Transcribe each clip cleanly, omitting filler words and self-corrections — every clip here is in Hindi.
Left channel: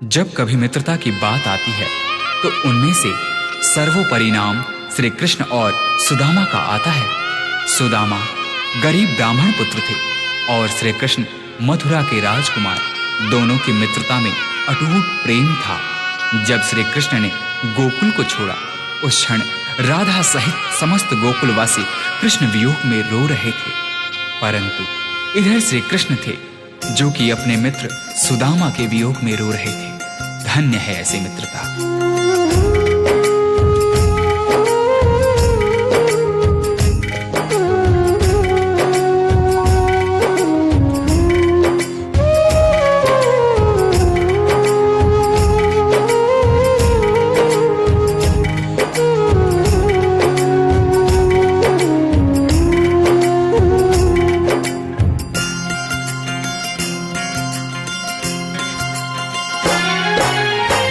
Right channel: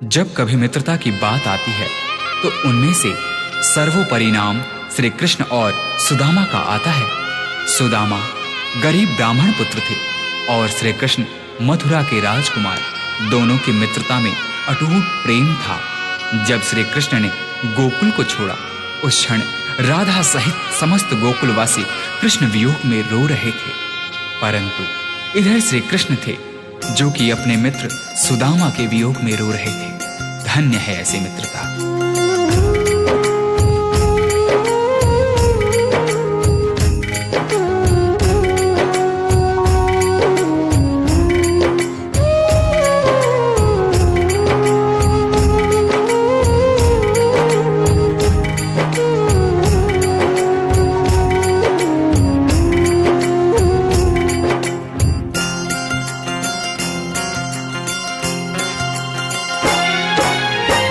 जब कभी मित्रता की बात आती है तो उनमें से सर्वोपरि नाम श्री कृष्ण और सुदामा का आता है। सुदामा गरीब ब्राह्मण पुत्र थे और श्री कृष्ण मथुरा के राजकुमार। दोनों की मित्रता में अटूट प्रेम था। जब श्री कृष्ण ने गोकुल को छोड़ा, उस क्षण राधा सहित समस्त गोकुलवासी कृष्ण वियोग में रो रहे थे। परंतु इधर श्री कृष्ण थे जो कि अपने मित्र सुदामा के वियोग में रो रहे थे। धन्य है ऐसी मित्रता।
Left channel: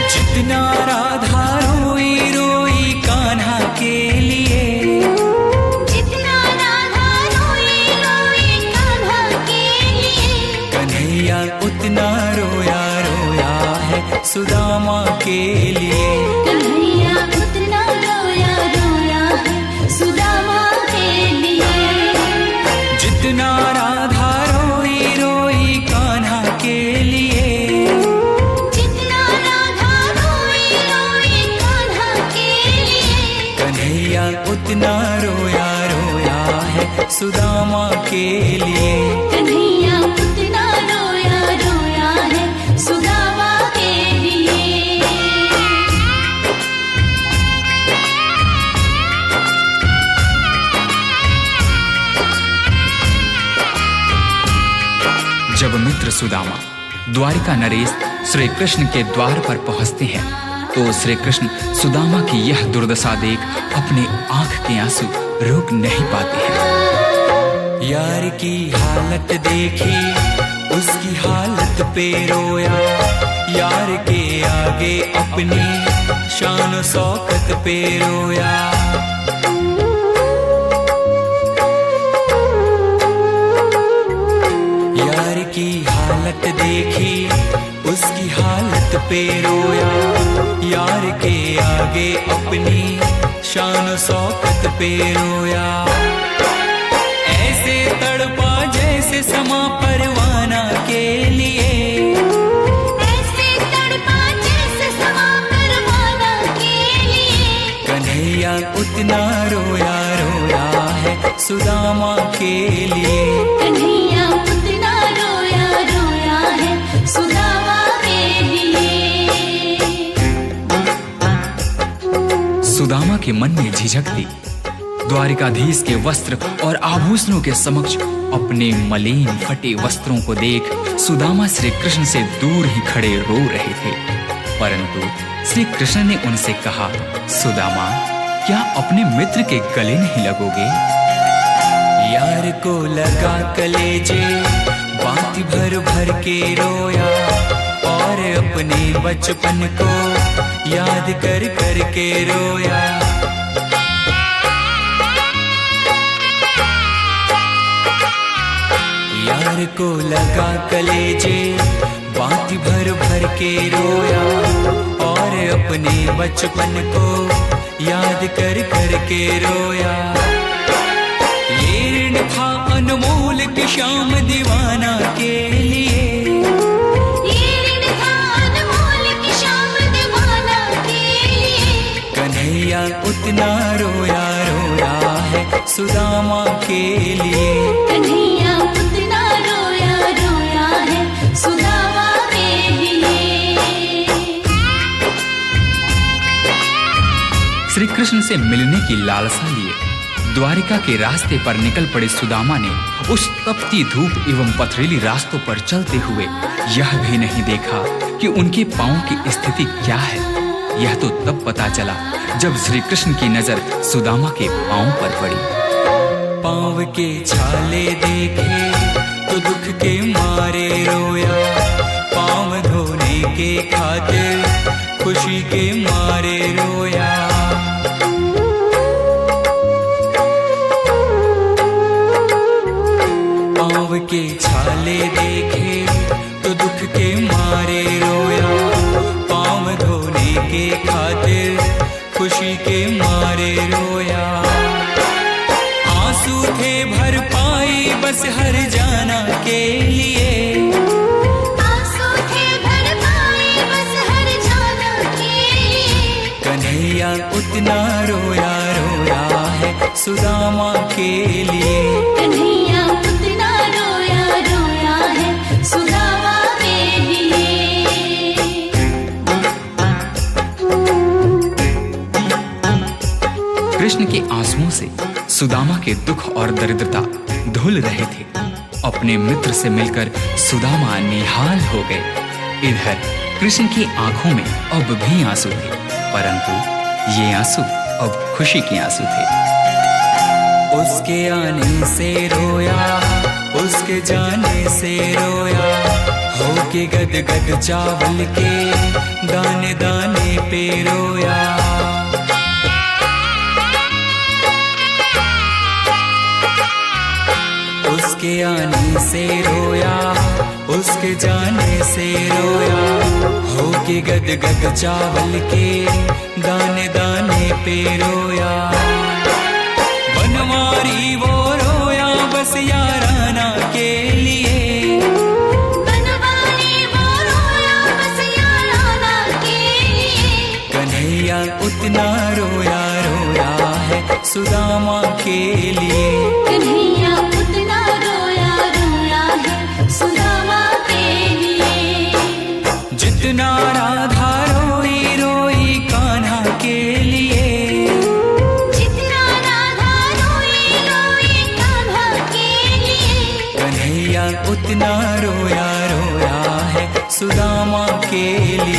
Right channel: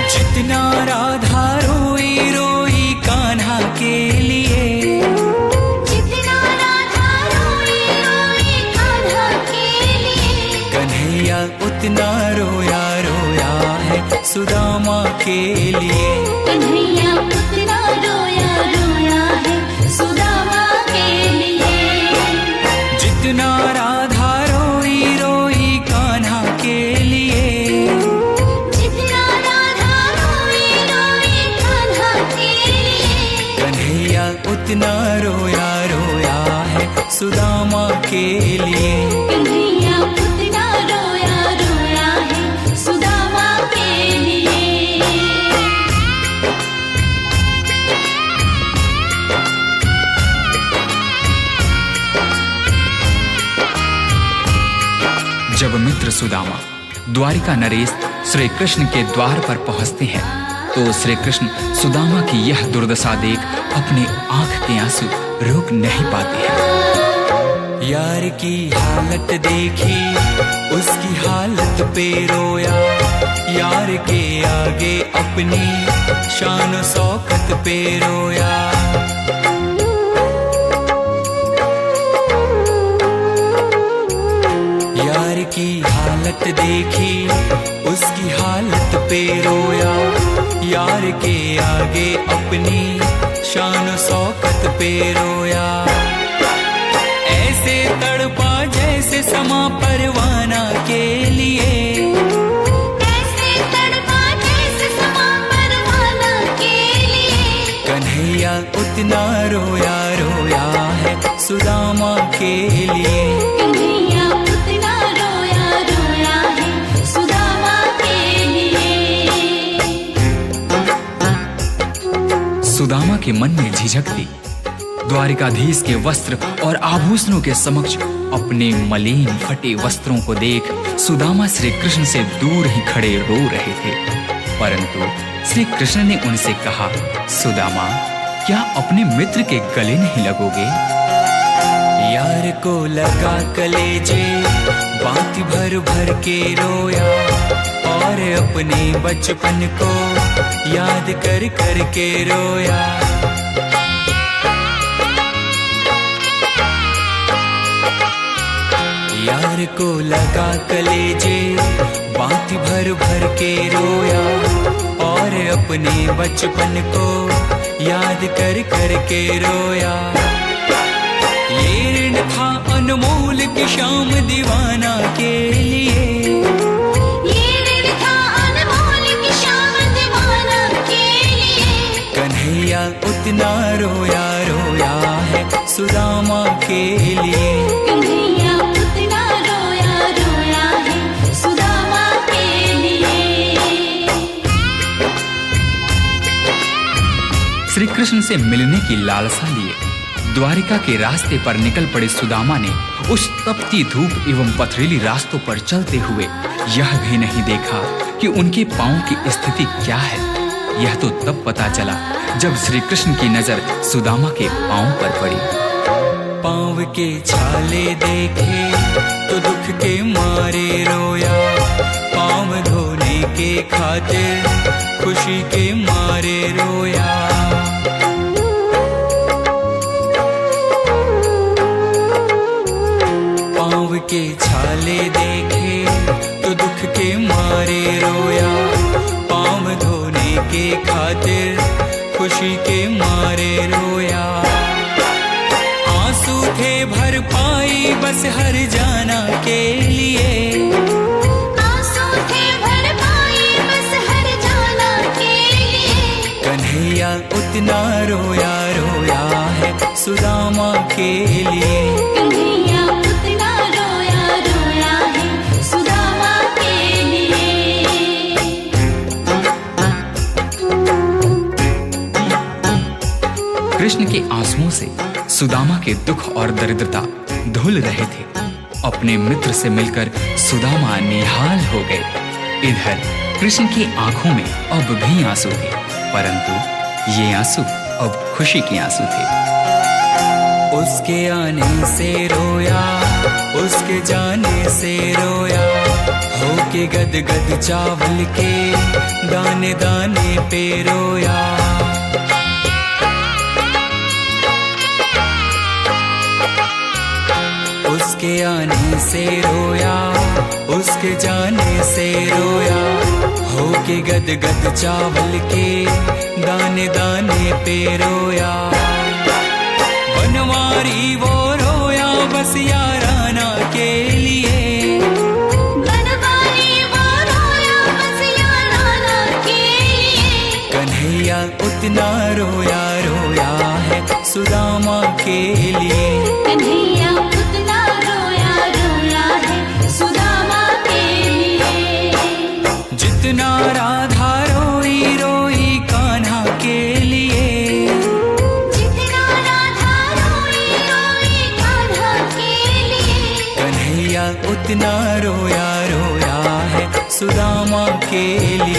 जितना राधा रोई रोई कान्हा के लिए, जितना राधा रोई रोई कान्हा के लिए, कन्हैया उतना रोया रोया है सुदामा के लिए। कन्हैया उतना रोया रोया है सुदामा के लिए। जितना राधा रोई रोई कान्हा के लिए, कन्हैया उतना रोया रोया है सुदामा के लिए। कन्हैया उतना रोया रोया है सुदामा के लिए। जब मित्र सुदामा द्वारिका नरेश श्री कृष्ण के द्वार पर पहुंचते हैं तो श्री कृष्ण सुदामा की यह दुर्दशा देख अपने आंख के आंसू रोक नहीं पाते हैं। यार की हालत देखी उसकी हालत पे रोया, यार के आगे अपनी शान शौकत पे रोया। यार की हालत देखी उसकी हालत पे रोया, यार के आगे अपनी शान शौकत पे रोया। ऐसे तड़पा जैसे समा परवाना के लिए, ऐसे तड़पा जैसे समा परवाना के लिए। कन्हैया उतना रोया रोया है सुदामा के लिए। कन्हैया उतना रोया रोया है सुदामा के लिए। सुदामा के मन में झिझक थी। द्वारिकाधीश के वस्त्र और आभूषणों के समक्ष अपने मलिन फटे वस्त्रों को देख सुदामा श्री कृष्ण से दूर ही खड़े रो रहे थे। परंतु श्री कृष्ण ने उनसे कहा, सुदामा, क्या अपने मित्र के गले नहीं लगोगे? यार को लगा कलेजे बाती भर भर के रोया, और अपने बचपन को याद कर कर के रोया। यार को लगा कलेजे बाती भर भर के रोया, और अपने बचपन को याद कर कर के रोया। ये ऋण था अनमोल की शाम दीवाना के लिए, ये ऋण था अनमोल की शाम दीवाना के लिए। कन्हैया उतना रोया रोया है सुदामा के लिए। कन्हैया उतना रोया रोया है सुदामा के लिए। श्री कृष्ण से मिलने की लालसा लिए द्वारिका के रास्ते पर निकल पड़े सुदामा ने उस तपती धूप एवं पथरीली रास्तों पर चलते हुए यह भी नहीं देखा कि उनके पांव की स्थिति क्या है। यह तो तब पता चला जब श्री कृष्ण की नजर सुदामा के पांव पर पड़ी। पांव के छाले देखे तो दुख के मारे रोया, पांव धोने के खातिर खुशी के मारे रोया। पांव के छाले देखे तो दुख के मारे रोया, के खातिर खुशी के मारे रोया। आंसू थे भर पाई बस हर जाना के लिए, आंसू थे भर पाई बस हर जाना के लिए। कन्हैया उतना रोया रोया है सुदामा के लिए। कन्हैया उतना रोया रोया है सुदामा के लिए। कृष्ण के आंसुओं से सुदामा के दुख और दरिद्रता धुल रहे थे। अपने मित्र से मिलकर सुदामा निहाल हो गए। इधर कृष्ण की आंखों में अब भी आंसू थे, परंतु ये आंसू अब खुशी के आंसू थे। उसके आने से रोया, उसके जाने से रोया, होके गद गद चावल के दाने दाने पे रोया। उसके आने से रोया, उसके जाने से रोया, होके गद गद चावल के दाने दाने पे रोया। बनवारी वो रोया बस याराना के लिए, बनवारी वो रोया बस याराना के लिए। कन्हैया उतना रोया रोया है सुदामा के लिए। कन्हैया उतना रोया रोया है सुदामा के लिए। जितना राधा रोई रोई कान्हा के लिए, जितना राधा रोई रोई कान्हा के लिए। कन्हैया उतना रोया रोया है सुदामा के लिए।